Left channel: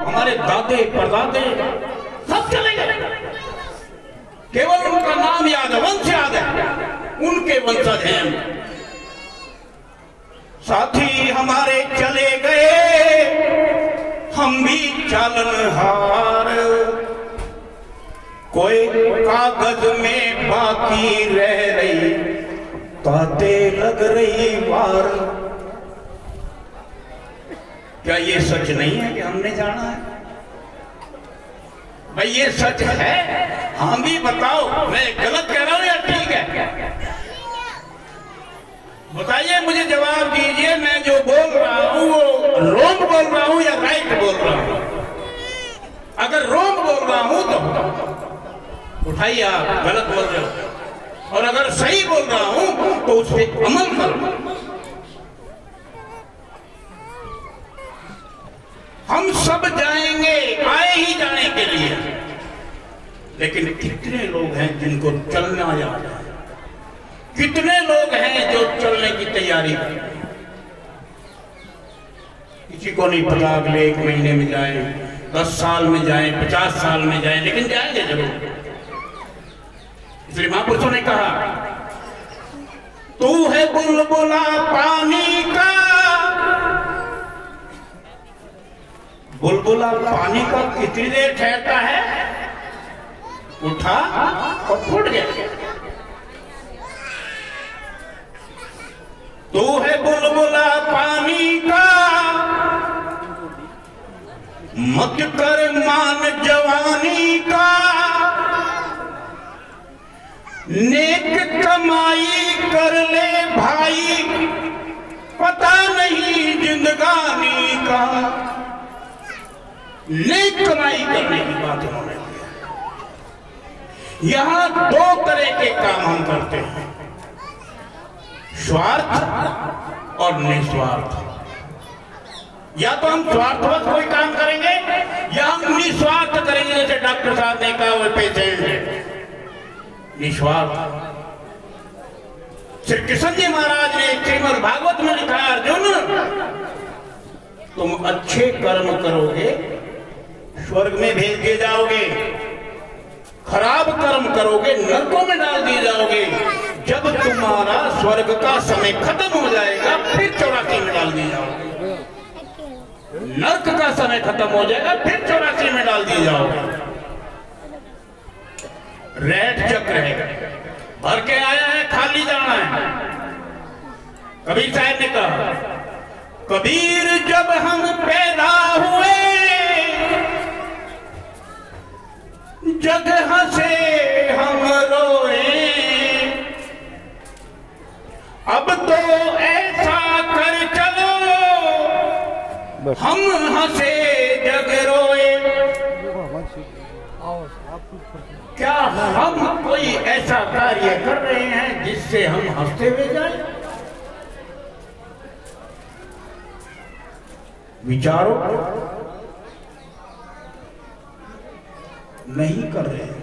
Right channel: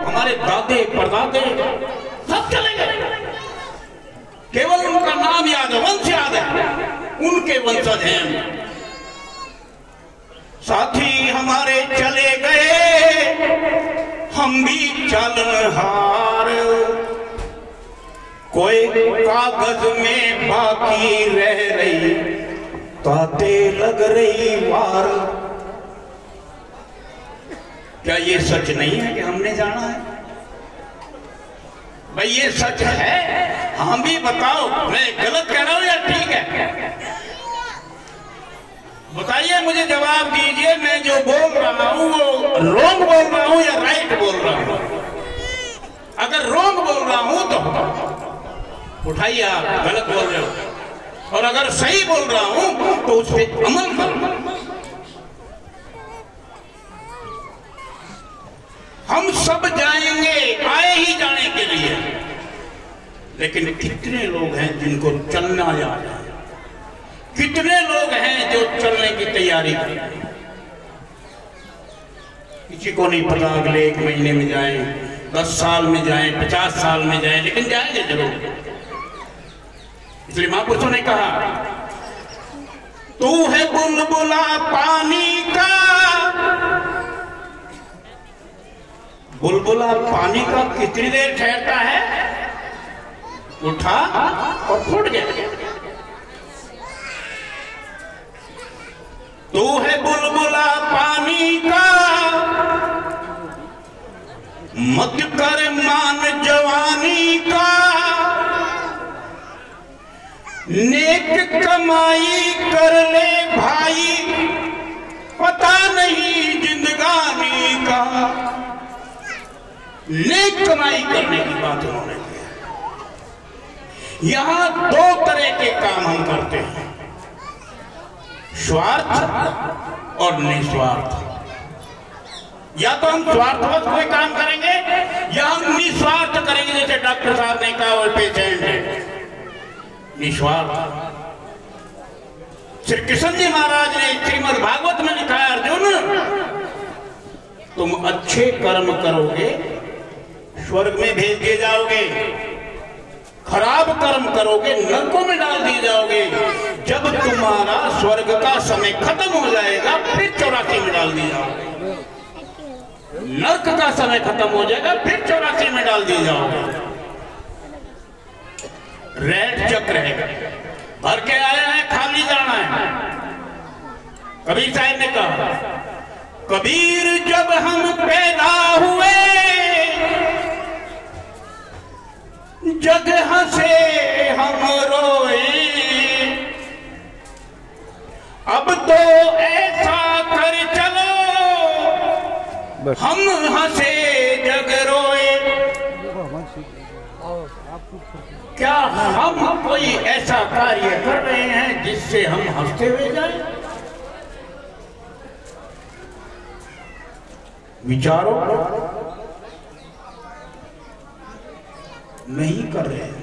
हमारे दादे परदादे सब चलेंगे, केवल उनका नाम याद है, वंश याद है, उनके वंशज हैं। साथी हमारे चले गए, हम भी चालनहार, कोई कागज में बाकी रह रही, ताते लग रही वार। क्या ये सच नहीं है कि हमने जाना है? भाई ये सच है, हम भी बताओ, मैं गलत कह रहा हूं या ठीक है? बताइए, मुझे जवाब दीजिए, मैं जो बोल रहा हूं वो रॉन्ग बोल रहा हूं या राइट बोल रहा हूं? अगर रॉन्ग बोल रहा हूं तो उठाइए, आप गलत बोल रहे हो, और अगर सही बोल रहा हूं तो उस पर अमल करो। हम सब जाएंगे, आए ही जाने के लिए, लेकिन कितने लोग हैं जिनको चलना याद है? कितने लोग हैं जो चलने की तैयारी कर रहे हैं? किसी को नहीं पता अगले 1 महीने में जाए, 10 साल में जाए, 50 साल में जाए, लेकिन जाएंगे जरूर। इसलिए महापुरुषों ने कहा, तू है बुलबुला पानी का, बुलबुला पानी का कितनी देर ठहरता है? उठा और फूट गया। तू है बुलबुला पानी का, मत कर मान जवानी का, नेक कमाई कर ले भाई, पता नहीं जिंदगानी का। नेक कमाई करने की बात उन्होंने की। यहां 2 तरह के काम हम करते हैं, स्वार्थ और निस्वार्थ। या तो हम स्वार्थवश कोई काम करेंगे या हम निस्वार्थ करेंगे, जैसे डॉक्टर साहब ने कहा वो पेशेंट है, निस्वार्थ। श्री कृष्ण जी महाराज ने श्रीमद् भागवत में लिखा है, अर्जुन तुम अच्छे कर्म करोगे स्वर्ग में भेज दिए जाओगे, खराब कर्म करोगे नरकों में डाल दिए जाओगे। जब तुम्हारा स्वर्ग का समय खत्म हो जाएगा फिर 84 में डाल दिए जाओगे, नरक का समय खत्म हो जाएगा फिर 84 में डाल दिए जाओगे। रेड चक्र है, भर के आया है, खाली जाना है। कबीर साहब ने कहा, कबीर जब हम पैदा हुए जग हंसे हम रोए, अब तो ऐसा कर चलो हम हंसे जग रोए। क्या हम कोई ऐसा कार्य कर रहे हैं जिससे हम हंसते हुए जाएं? विचारो, नहीं कर रहे हैं।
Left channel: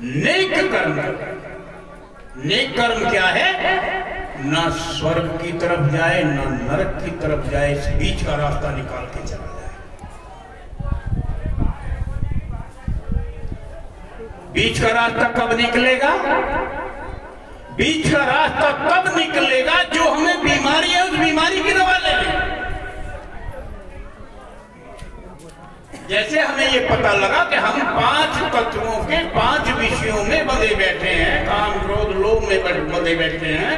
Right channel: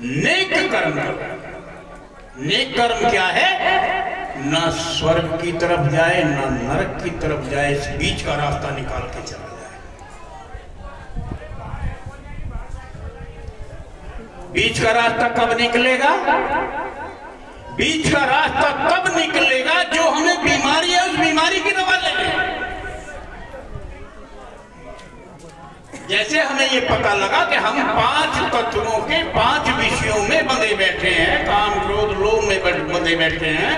नेक कर्म, नेक कर्म क्या है? ना स्वर्ग की तरफ जाए ना नरक की तरफ जाए, इस बीच का रास्ता निकाल के चला जाए। बीच का रास्ता कब निकलेगा? बीच का रास्ता कब निकलेगा? जो हमें बीमारी है उस बीमारी की दवा ले लें। जैसे हमें ये पता लगा कि हम 5 तत्वों के 5 विषयों में बंधे बैठे हैं, काम क्रोध लोभ में बंधे बैठे हैं,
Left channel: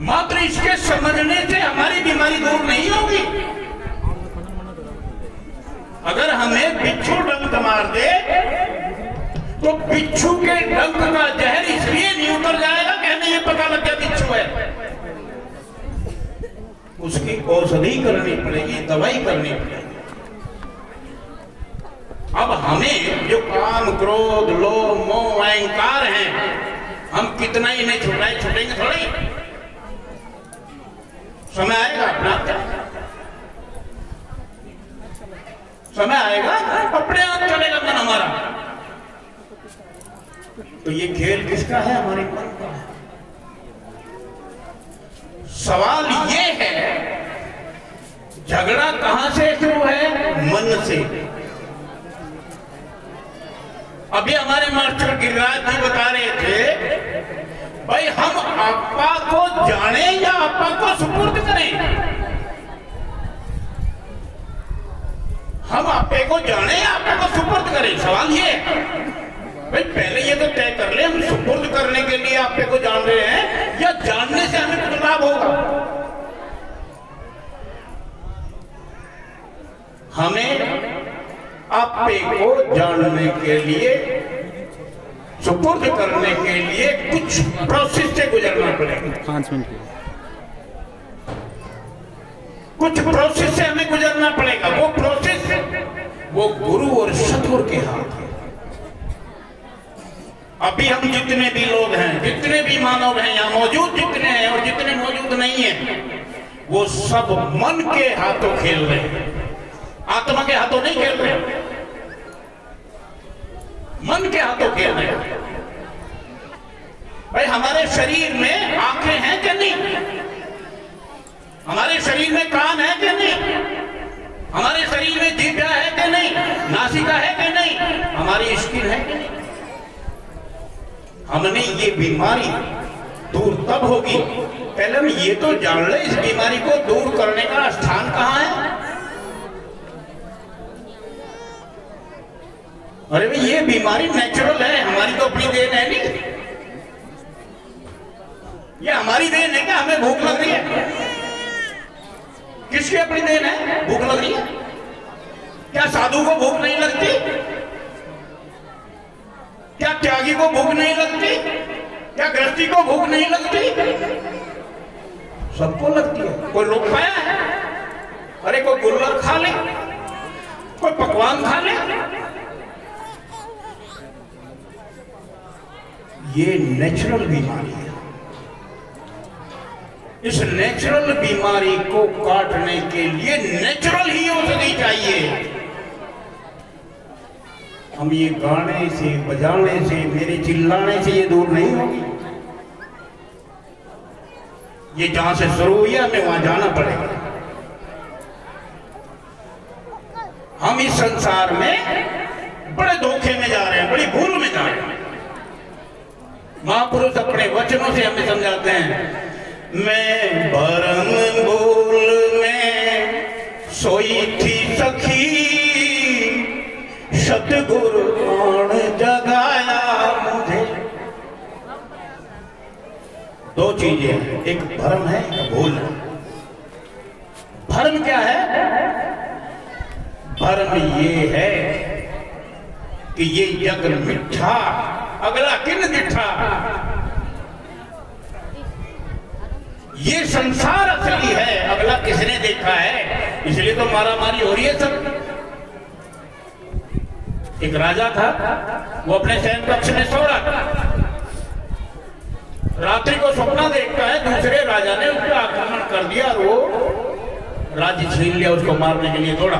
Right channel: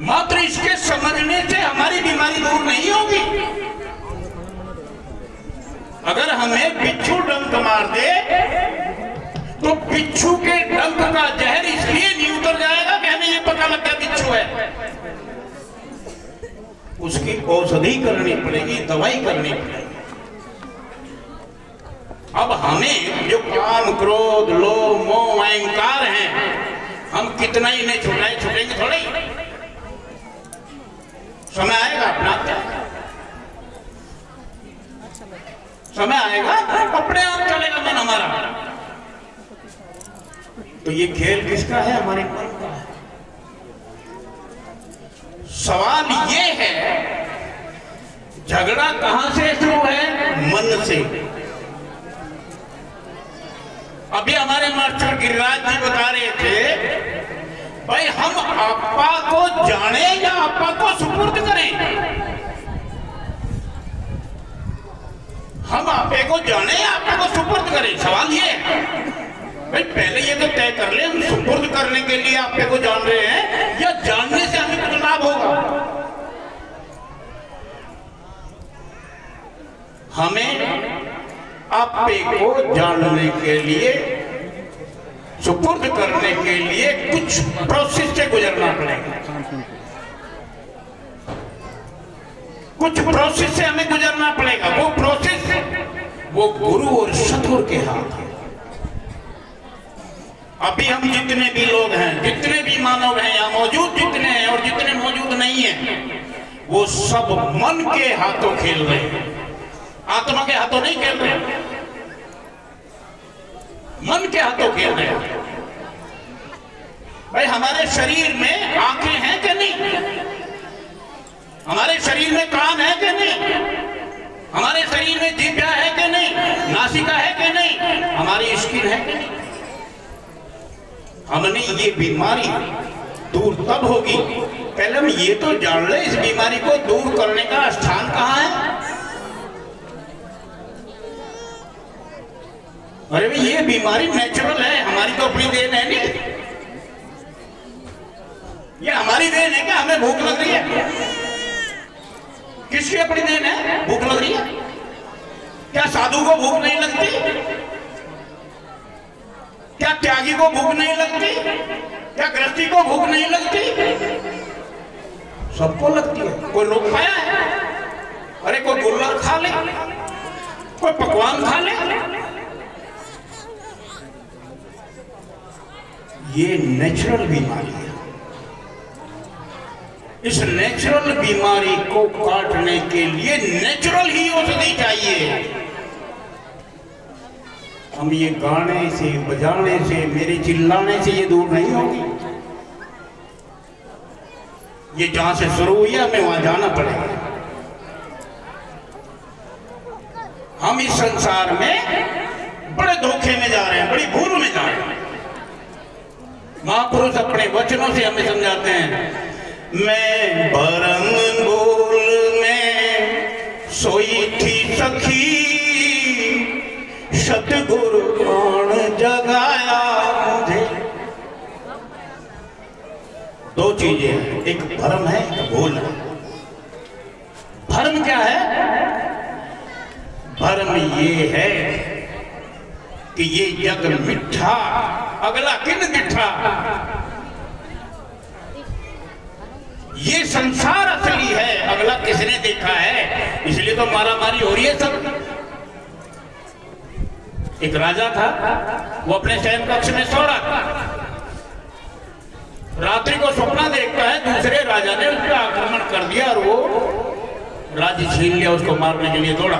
मात्र इसके समझने से हमारी बीमारी दूर नहीं होगी। अगर हमें बिच्छू डंक मार दे तो बिच्छू के डंक का जहर इसलिए नहीं उतर जाएगा कि हमें ये पता लग गया बिच्छू है। उसकी औषधि करनी पड़ेगी, दवाई करनी पड़ेगी। अब हमें जो काम क्रोध लोभ मोह अहंकार हैं, हम कितना ही नहीं छुटेंगे थोड़ी। समय आएगा अपना, समय आएगा अपने आप चलेगा मन हमारा। तो ये खेल किसका है? हमारे मन का है। सवाल ये है, झगड़ा कहां से शुरू है? से। अभी हमारे मास्टर गिरिराज जी बता रहे थे, भाई हम आपा को जाने या आपा को सुपुर्द करें। हम आपे को जाने या आपे को सुपुर्द करें। सवाल ये भाई पहले ये तो तय कर ले, हम सुपुर्द करने के लिए आपे को जान रहे हैं या जानने से हमें कुछ लाभ होगा। हमें आपे को जानने के लिए, सुपुर्द करने के लिए कुछ प्रोसेस से गुजरना पड़ेगा। कुछ प्रोसेस से हमें गुजरना पड़ेगा। वो प्रोसेस वो गुरु और सतगुरु के हाथ है। अभी हम जितने भी लोग हैं, जितने भी मानव हैं यहाँ मौजूद, जितने हैं और जितने मौजूद नहीं हैं, वो सब मन के हाथों खेल रहे हैं, आत्मा के हाथों नहीं खेल रहे, मन के हाथों खेल रहे हैं। भाई हमारे शरीर में आंखें हैं कि नहीं? हमारे शरीर में कान है कि नहीं? हमारे शरीर में जीभ है कि नहीं? नासिका है कि नहीं? हमारी स्किन है कि नहीं? हमने ये बीमारी दूर तब होगी, पहले हम ये तो जान ले इस बीमारी को दूर करने का स्थान कहां है। अरे भाई ये बीमारी नेचुरल है, हमारी तो अपनी देन है नहीं। ये हमारी देन है क्या? हमें भूख लग रही है, किसकी अपनी देन है? भूख लग रही है। क्या साधु को भूख नहीं लगती? क्या त्यागी को भूख नहीं लगती? क्या गृहस्थी को भूख नहीं लगती? सबको लगती है। कोई रोक पाया है? अरे कोई गुल्ला खा ले, कोई पकवान खा ले। ये नेचुरल बीमारी है। इस नेचुरल बीमारी को काटने के लिए नेचुरल ही औषधि चाहिए। हम ये गाने से, बजाने से, मेरे चिल्लाने से ये दूर नहीं होगी। ये जहां से शुरू हुई है हमें वहां जाना पड़ेगा। हम इस संसार में बड़े धोखे में जा रहे हैं, बड़ी भूल में जा रहे हैं। महापुरुष अपने वचनों से हमें समझाते हैं, मैं भरम भूल में सोई थी सखी, सतगुरु कौन जगाया मुझे। दो चीजें हैं, एक भ्रम है, एक भूल है। भ्रम क्या है? भ्रम ये है कि ये जग मिठा, अगला किन मिठा। ये संसार असली है, अगला किसने देखा है। इसलिए तो मारामारी हो रही है सब। एक राजा था, वो अपने शयन कक्ष में सो रहा था। रात्रि को सपना देखता है दूसरे राजा ने उस पर आक्रमण कर दिया और वो राज्य छीन लिया, उसको मारने के लिए दौड़ा।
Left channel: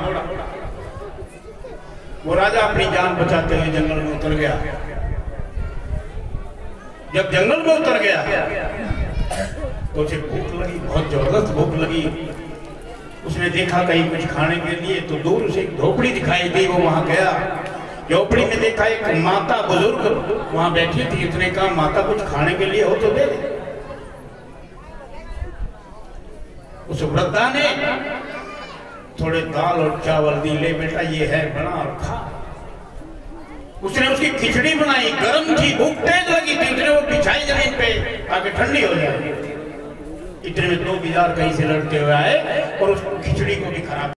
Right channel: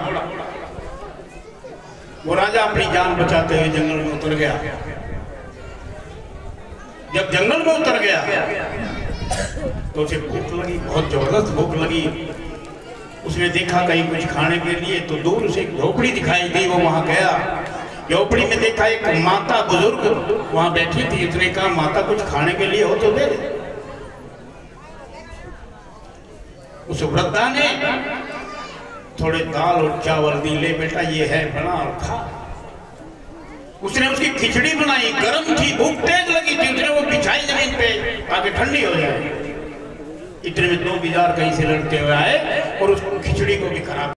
वो राजा अपनी जान बचाते हुए जंगल में उतर गया। जब जंगल में उतर गया तो उसे भूख लगी, बहुत जबरदस्त भूख लगी। उसने देखा कहीं कुछ खाने के लिए, तो दूर से एक झोपड़ी दिखाई दी। वो वहां गया, झोपड़ी में देखा एक माता बुजुर्ग वहां बैठी थी। इतने कहा, माता कुछ खाने के लिए हो तो दे दे। उस वृद्धा ने थोड़े दाल और चावल दी, ले बेटा ये है, बना और खा। उसने उसकी खिचड़ी बनाई, गर्म थी, भूख तेज लगी थी। उसने वो बिछाई जमीन पे ताकि ठंडी हो जाए। इतने में 2 बिजार कहीं से लड़ते हुए आए और उस खिचड़ी को भी खराब